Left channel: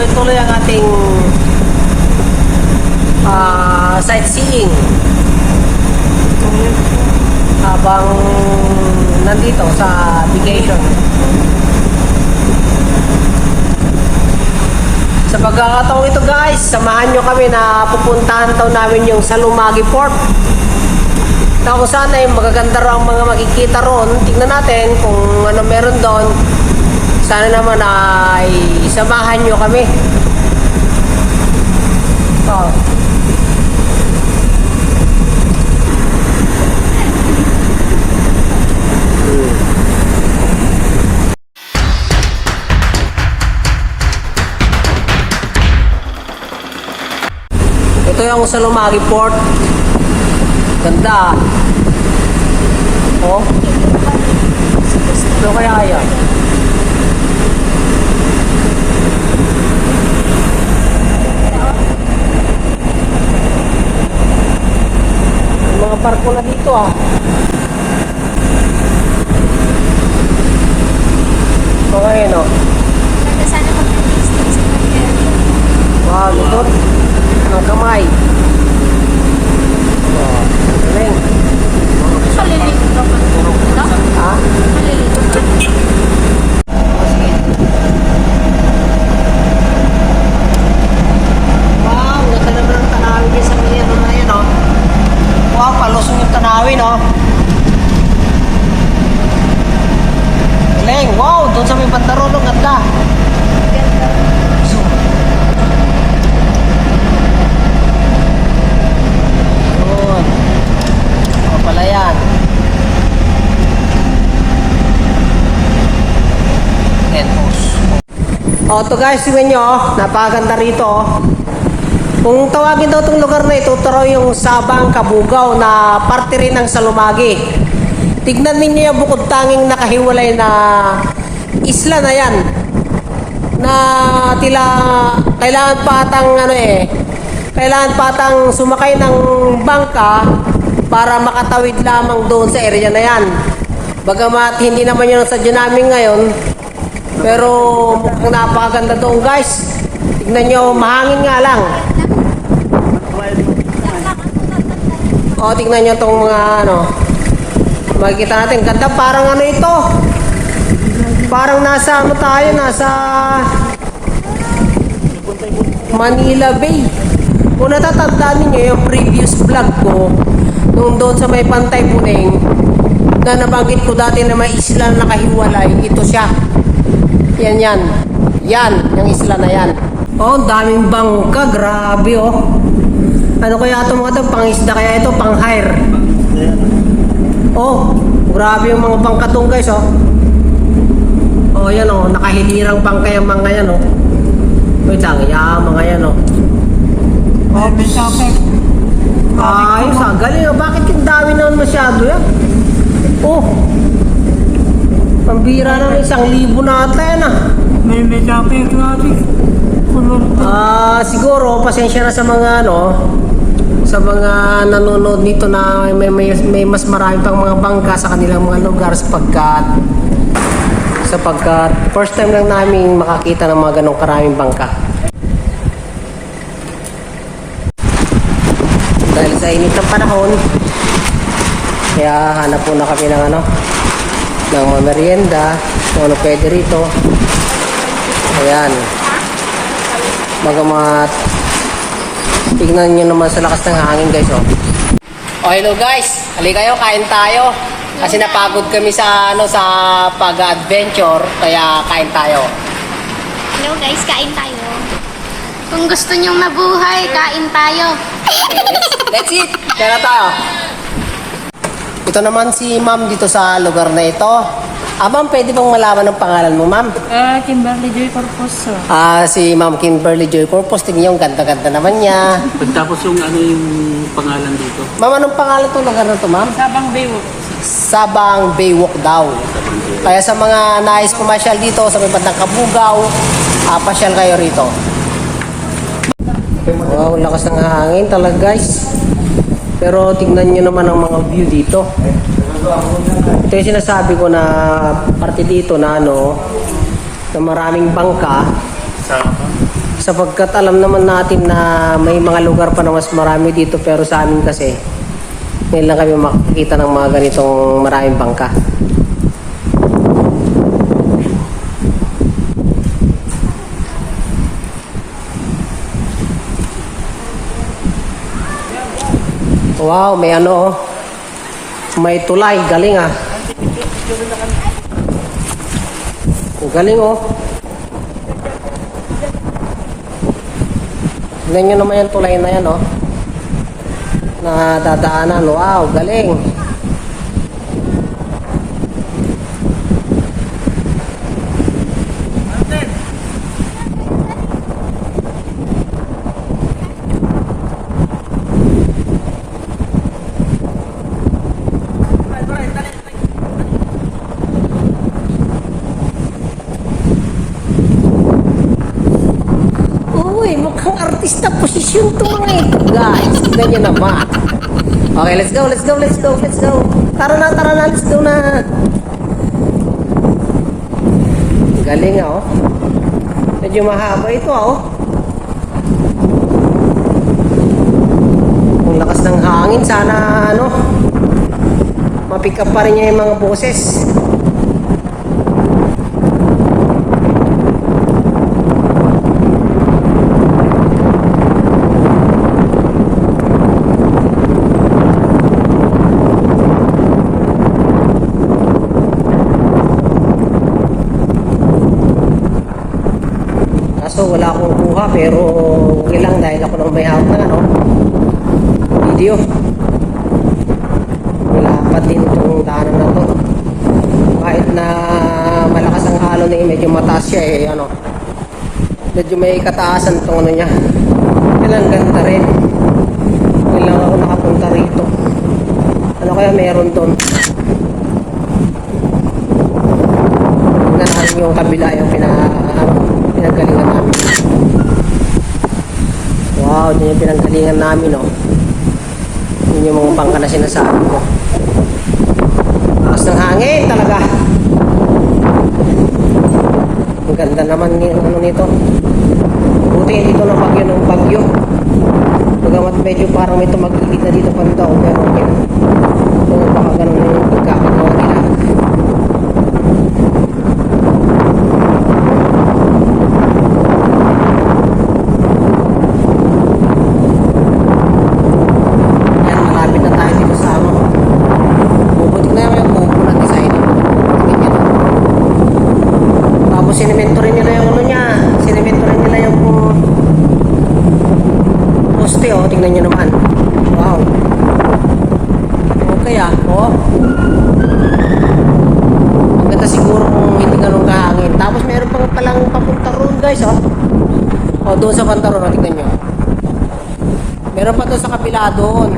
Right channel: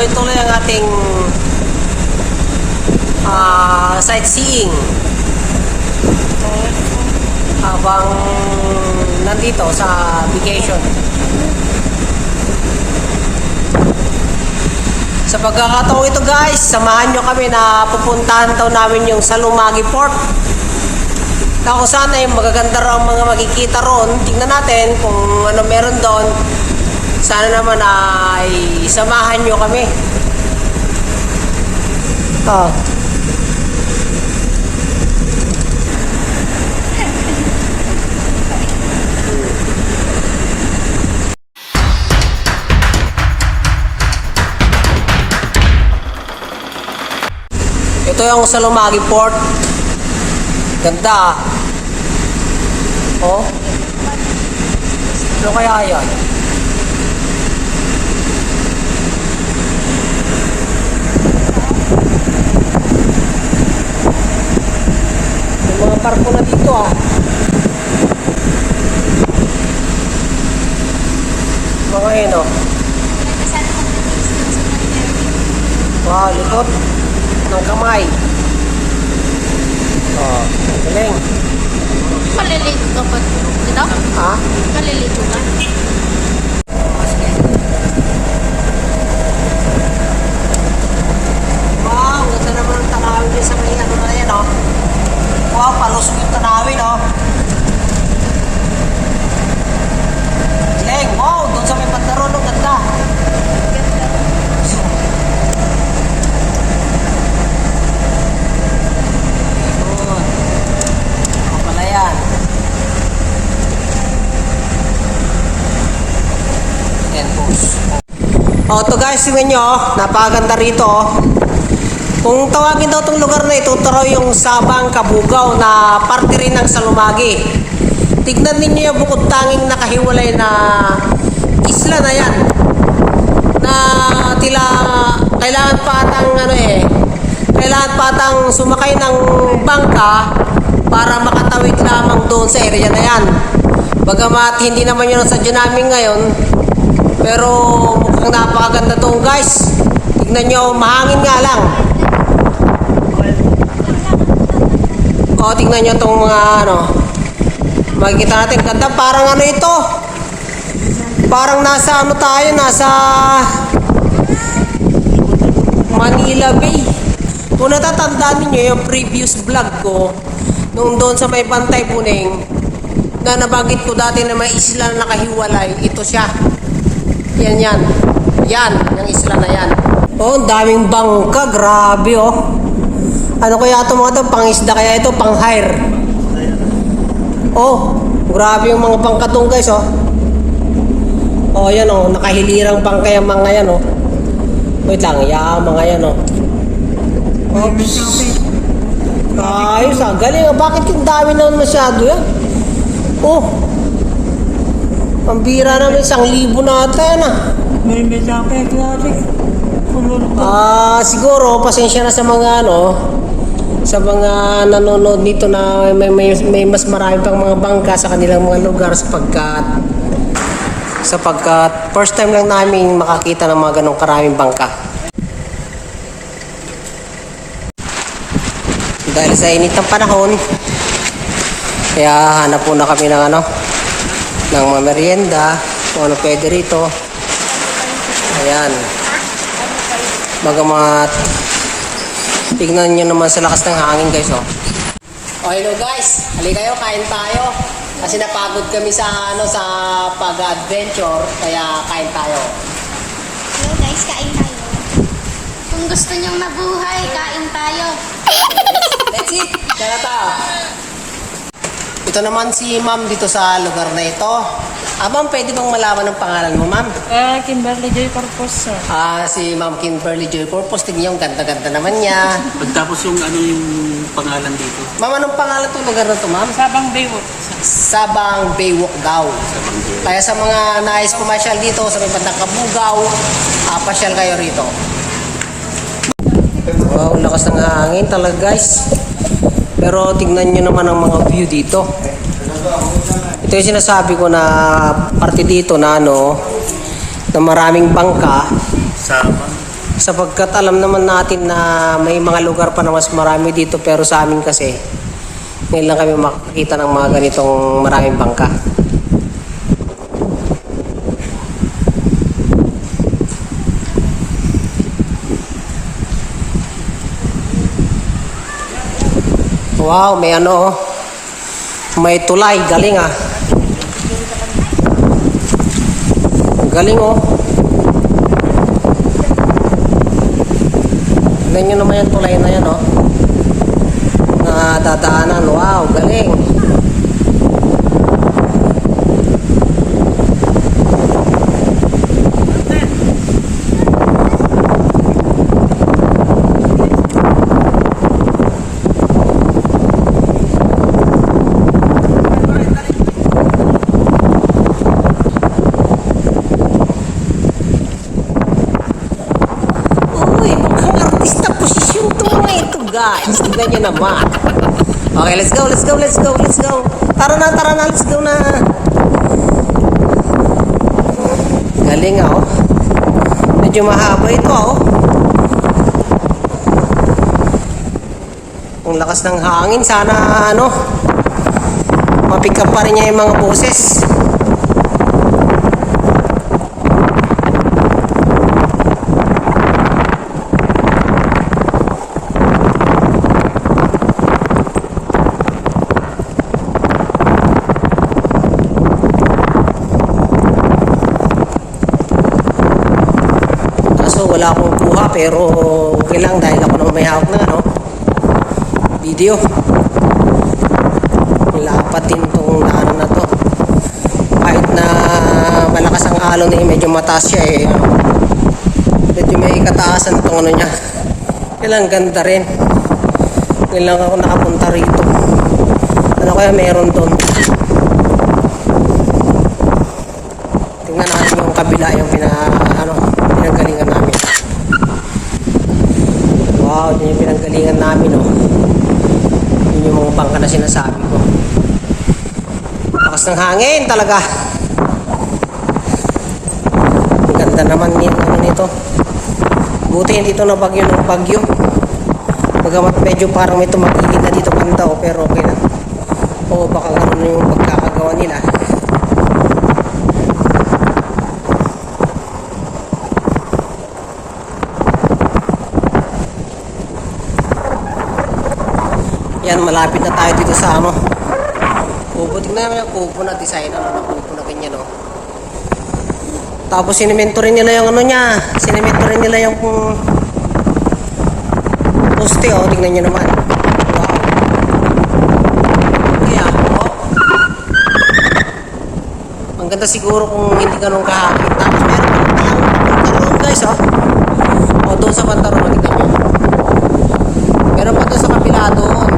tuloy-tuloy ang ating ah, sightseeing. Habang nandito sa vacation. Sa pagkakataong ito guys, samahan nyo kami na pupuntahan daw namin yung Salumagi Port. Na kung saan ay magaganda raw mga makikita roon. Tingnan natin kung ano meron doon. Sana naman ay samahan nyo kami. Oh. Ito yung Salumagi Port. Ganda. Oh. Ano kaya yan? Barko na dito ah. Mga yun oh. Wow, lupot. Ng kamay. Oh, galing. Maliligo ka ba? Ano? Ha? Maliligo ka? Wow, ganda naman ang tanawin din sa kanya. Ano na yan, oh. Wow, palusong yung tanawin, oh. Galing, wow, doon sa may bandaron, oh, ganda. Yun. Ako pala yan. Yan, boss. Oh, to guys, tingnan nyo, oh. napakaganda rito. Oh. Kung tawagin daw itong lugar na ito, raw yung Sabang Kabugaw na parte rin ng Salumagi. Tignan ninyo yung bukod tanging nakahiwalay na isla na yan. Na tila kailangan patang ano eh, kailangan patang sumakay ng bangka para makatawid lamang doon sa area na yan. Bagamat hindi naman yun sa namin ngayon, pero mukhang napakaganda doon guys. Tignan nyo, mahangin nga lang. O, tingnan nyo itong mga ano. Makikita natin, ganda parang ano ito. Parang nasa ano tayo, nasa Manila Bay. Kung natatandaan ninyo yung previous vlog ko, nung doon sa may Pantay Puning, na nabanggit ko dati na may isla na nakahiwalay, ito siya. Yan yan. Yan, yung isla na yan. Oh, daming bangka, grabe oh. Ano kaya ito mga ito? Pangisda kaya ito? Pang hire. Oh, grabe yung mga bangka doon guys oh. Oh, yan oh, nakahilirang bangka yung mga yan oh. Wait lang, yeah, mga yan oh. Oops. Ayos ah, galing ah. Bakit yung dami naman masyado yan? Oh. Pambira namin, isang libo natin ah. May may chopper natin. Ah, siguro pasensya na sa mga ano sa mga nanonood nito na may, may, may mas marami pang mga bangka sa kanilang mga lugar sapagkat sapagkat first time lang namin makakita ng mga ganong karaming bangka. Dahil sa init ng panahon, kaya hanap po na kami ng ano, ng mga merienda, kung ano pwede rito. Ayan. Bagamat tignan nyo naman sa lakas ng hangin guys oh. Oh hello guys, halika kayo, kain tayo. Kasi napagod kami sa ano sa pag-adventure, kaya kain tayo. Hello guys, kain tayo. Kung gusto nyong mabuhay, kain tayo. It. Kaya na tayo. Ito naman si ma'am dito sa lugar na ito. Ah ma'am, pwede bang malaman ang pangalan mo ma'am? Ah, Kimberly Joy Corpus, sir. Ah, si Ma'am Kimberly Joy Corpus. Tingnan niyo, ang ganda-ganda naman niya. Pagtapos yung ano yung pangalan dito. Ma'am, anong pangalan itong lugar na to ma'am? Sabang Baywalk. Sabang Baywalk daw. Kaya sa mga nais pumasyal dito sa may bandang Kabugaw, ah, pasyal kayo rito. Wow, ang lakas ng hangin talaga guys. Pero tingnan nyo naman ang mga view dito. Ito yung sinasabi ko na parte dito na ano, na maraming bangka. Sa Sapagkat alam naman natin na may mga lugar pa na mas marami dito pero sa amin kasi ngayon lang kami makakita ng mga ganitong maraming bangka. Wow, may ano. May tulay, galing ah. Galing oh. Tignan nyo naman yung tulay na yan oh. Na dadaanan. Wow, galing. Uy, mukhang artista posisyon to mga ito guys. Tignan nyo naman. Okay, let's go, let's go, let's go, let's go. Tara na, tara na, let's go na. Galing ah, oh. Medyo mahaba ito ah, oh. Ang lakas ng hangin, sana ano, mapick up pa rin niya yung mga boses. Pero okay lang dahil ako nang may hawak na ano. Video. Nilapat din itong daanan na to. Kahit na malakas ang halo na medyo mataas siya eh. Ano, medyo may kataasan itong ano niya. Ilang ganda rin. Ngayon lang ako nakapunta rito. Ano kaya meron doon? Tingnan natin yung kabila yung pina, ano, pinanggalingan namin. Wow, yun yung pinanggalingan namin, oh. Yun yung mga bangka na sinasabi ko. Lakas ng hangin talaga. Ang ganda naman yung ano nito. Buti hindi ito na bagyo ng bagyo. Bagamat medyo parang may tumagilid na dito kanta oh, pero okay na. Oo, baka ganun yung pagkakagawa nila. Yan, malapit na tayo dito sa ano. Bubutik na naman yung bubo na design. Ano na bubo na ganyan. Oh. Tapos sinimento rin nila yung ano niya. Sinimento rin nila yung um, poste oh. Tingnan nyo naman. Wow. Okay ah. Oh. Ang ganda siguro kung hindi ganun kahangin. Tapos meron pa rin palang papunta guys oh. Oh, doon sa Pantaron. Oh, tingnan nyo. Meron pa doon sa kapila doon.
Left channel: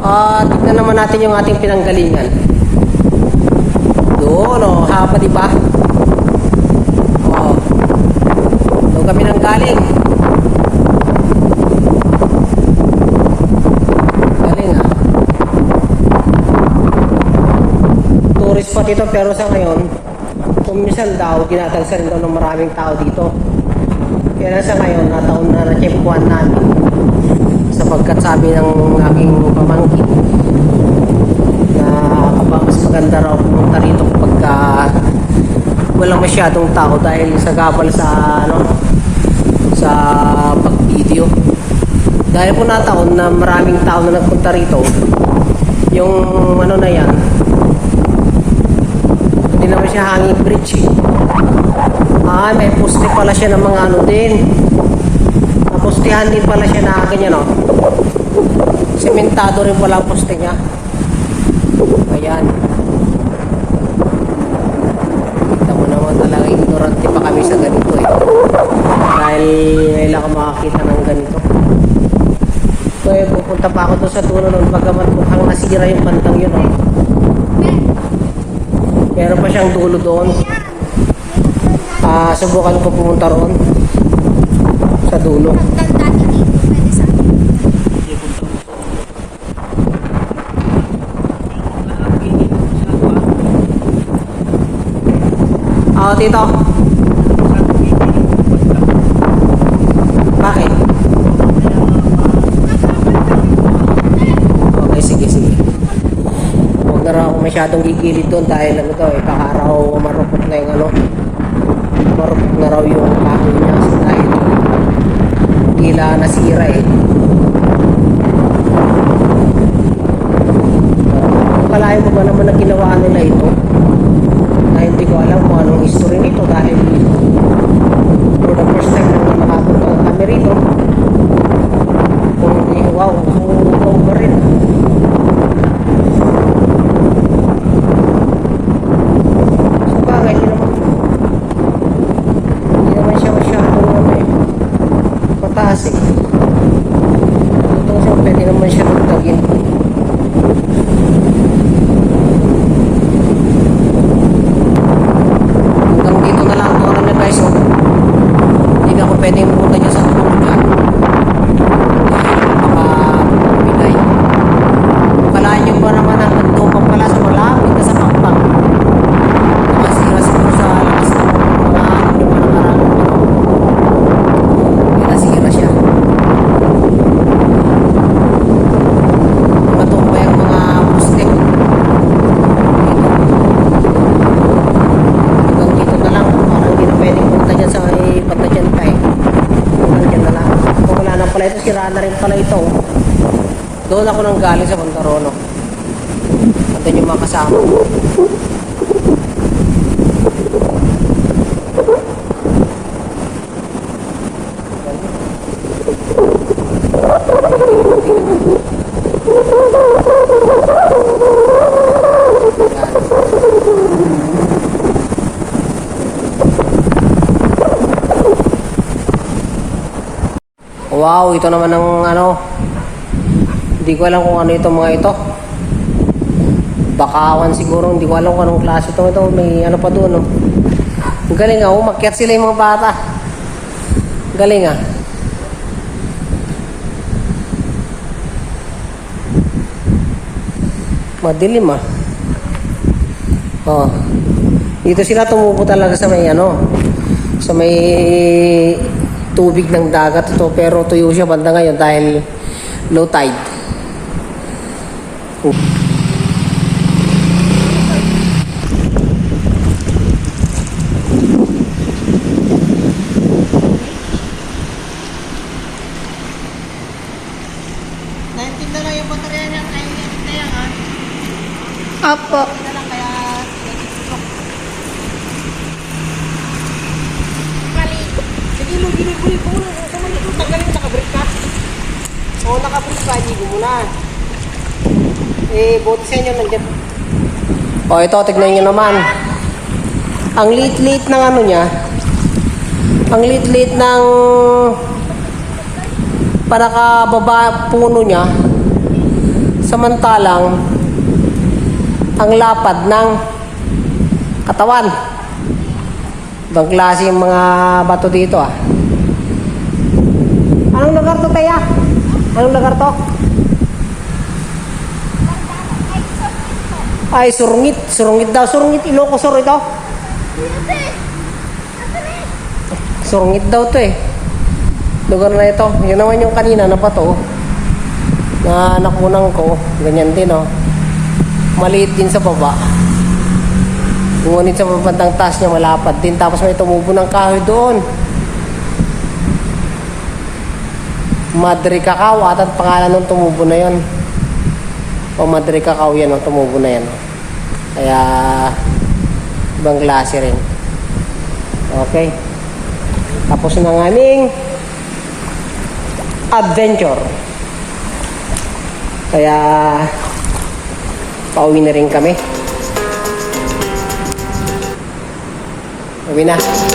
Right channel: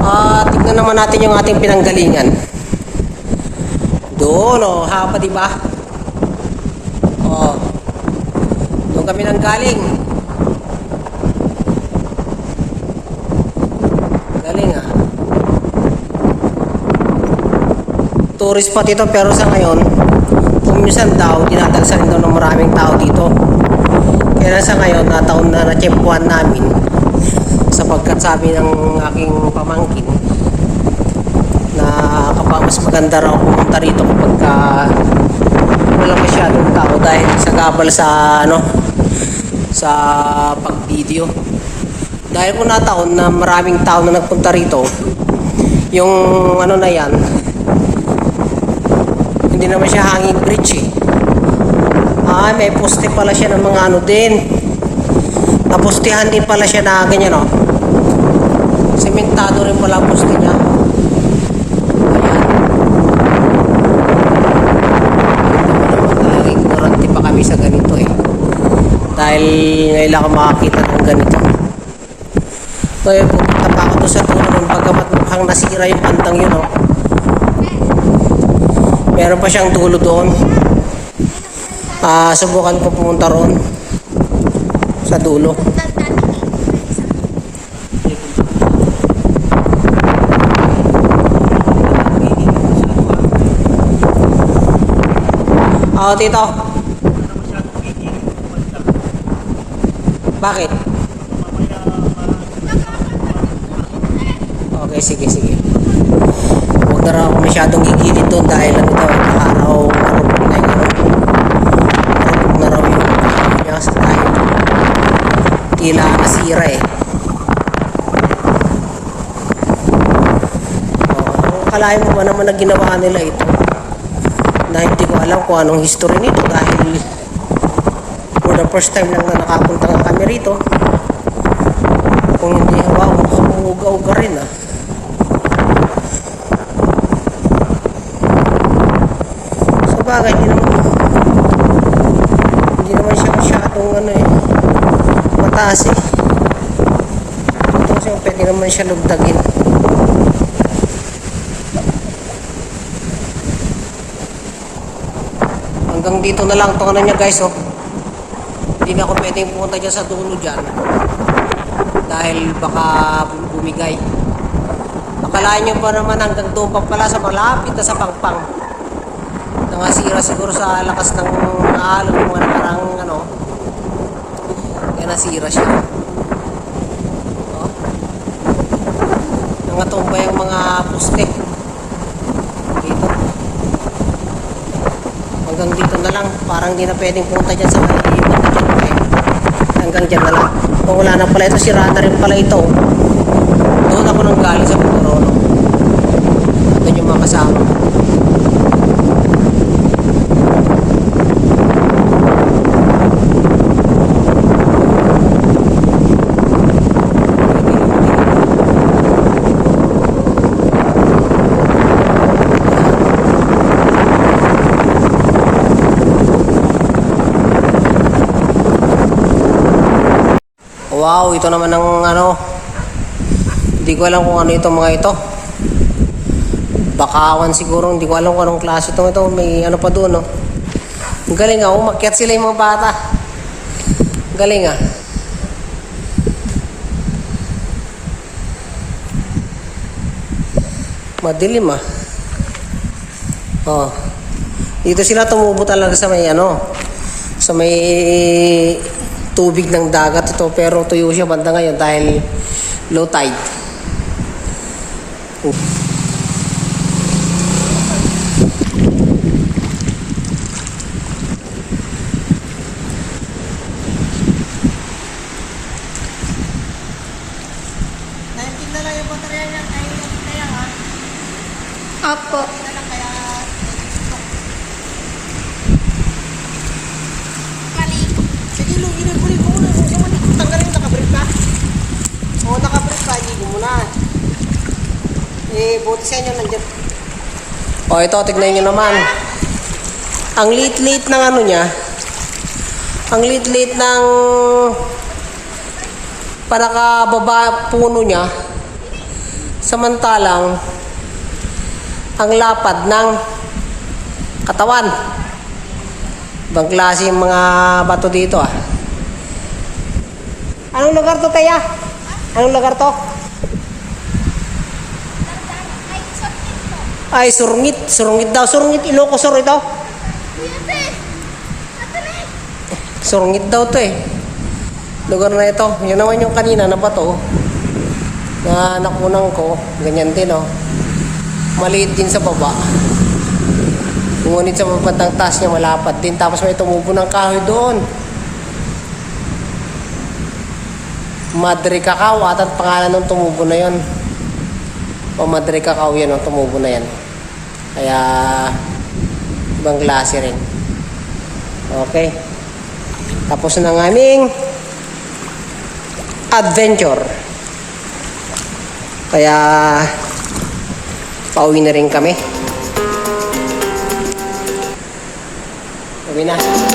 Ah, tignan naman natin yung ating pinanggalingan. Doon, oh, haba, di ba? Oh. Doon kami nang galing. Galing ah. Tourist spot ito pero sa ngayon, kung minsan daw, dinadagsan daw ng maraming tao dito. Kaya sa ngayon, nataon na na-chempuan namin sapagkat sabi ng aking pamangkin mas maganda raw pumunta rito kapag ka walang masyadong tao dahil sa gabal sa ano sa pag-video dahil po nataon na maraming tao na nagpunta rito yung ano na yan hindi naman siya hanging bridge eh. Ah, may poste pala siya ng mga ano din. Napostehan din pala siya na ganyan, no? Sementado rin pala poste niya. Ayan. Ito naman talagang ignorante pa kami sa ganito, eh. Dahil ako makakita ng ganito. Kaya pupunta pa ako doon sa puno nun pagkamat mukhang nasira yung kantang yun, oh. Meron pa siyang dulo doon. Ah, subukan ko pumunta roon sa dulo. Oo, tito. Ano masyadong gigilid yung banda. Bakit? Okay, sige, sige. Huwag na raw ako masyadong gigilid doon dahil ano daw, eh, baka raw marupok na yung ano. Marupok na raw yung kahoy niya sa dahil tila nasira eh. Uh, kalahin mo ba naman na ginawa nila ito? Dahil hindi ko alam kung anong history nito dahil the first time na nakapunta nga kami rito kung hindi, wow, humugaw rin ah. Sa bagay, hindi naman, hindi naman siya masyadong ano eh, mataas eh. Ito so, pwede naman siya lugtagin. Hanggang dito na lang itong ano niya guys oh. Hindi ako pwedeng pumunta dyan sa tulo dyan dahil baka bumigay. Akalain nyo pa naman hanggang doon pa pala sa malapit na sa pakpang. Nakasira siguro sa lakas ng mga alon yung mga nakarang ano. Kaya nasira siya. Mga tumbay ang mga buste. Dito. Hanggang dito na lang. Parang hindi na pwedeng punta dyan sa. Eh hanggang dyan na lang. Kung wala na pala ito, sira na rin pala ito. Doon ako nang galing sa Montarono. At doon yung mga kasama. Wow, ito naman ang ano. Hindi ko alam kung ano itong mga ito. Bakawan siguro, hindi ko alam kung anong klase itong ito. May ano pa doon, no? Galing ah, umakyat sila yung mga bata. Galing ah. Madilim ah. Oh. Dito sila tumubo talaga sa may ano, sa may tubig ng dagat ito pero tuyo siya banda ngayon dahil low tide. Oh. Opo. Yung brief mo. Sa mali ko, tanggalin yung nakabrief ka. Oo, nakabrief ka, ligo mo na. Eh, buti sa inyo nandiyan. O, ito, tignan nyo naman. Ang lit-lit ng ano niya, ang lit-lit ng panakababa puno niya, samantalang ang lapad ng katawan. Ibang klase yung mga bato dito ah. Anong lugar to, Taya? Anong lugar to? Ay, surungit. Surungit daw. Surungit. Ilocos Sur ito. Surungit daw to eh. Lugar na ito. Yun naman yung kanina na bato. Na nakunan ko. Ganyan din oh. Maliit din sa baba. Ngunit sa babandang taas niya malapad din. Tapos may tumubo ng kahoy doon. Madre Cacao at ang pangalan ng tumubo na yon. O Madre Cacao yan ang tumubo na yan. Kaya ibang klase rin. Okay. Tapos na ang aming adventure. Kaya pauwi na rin kami. Uwi.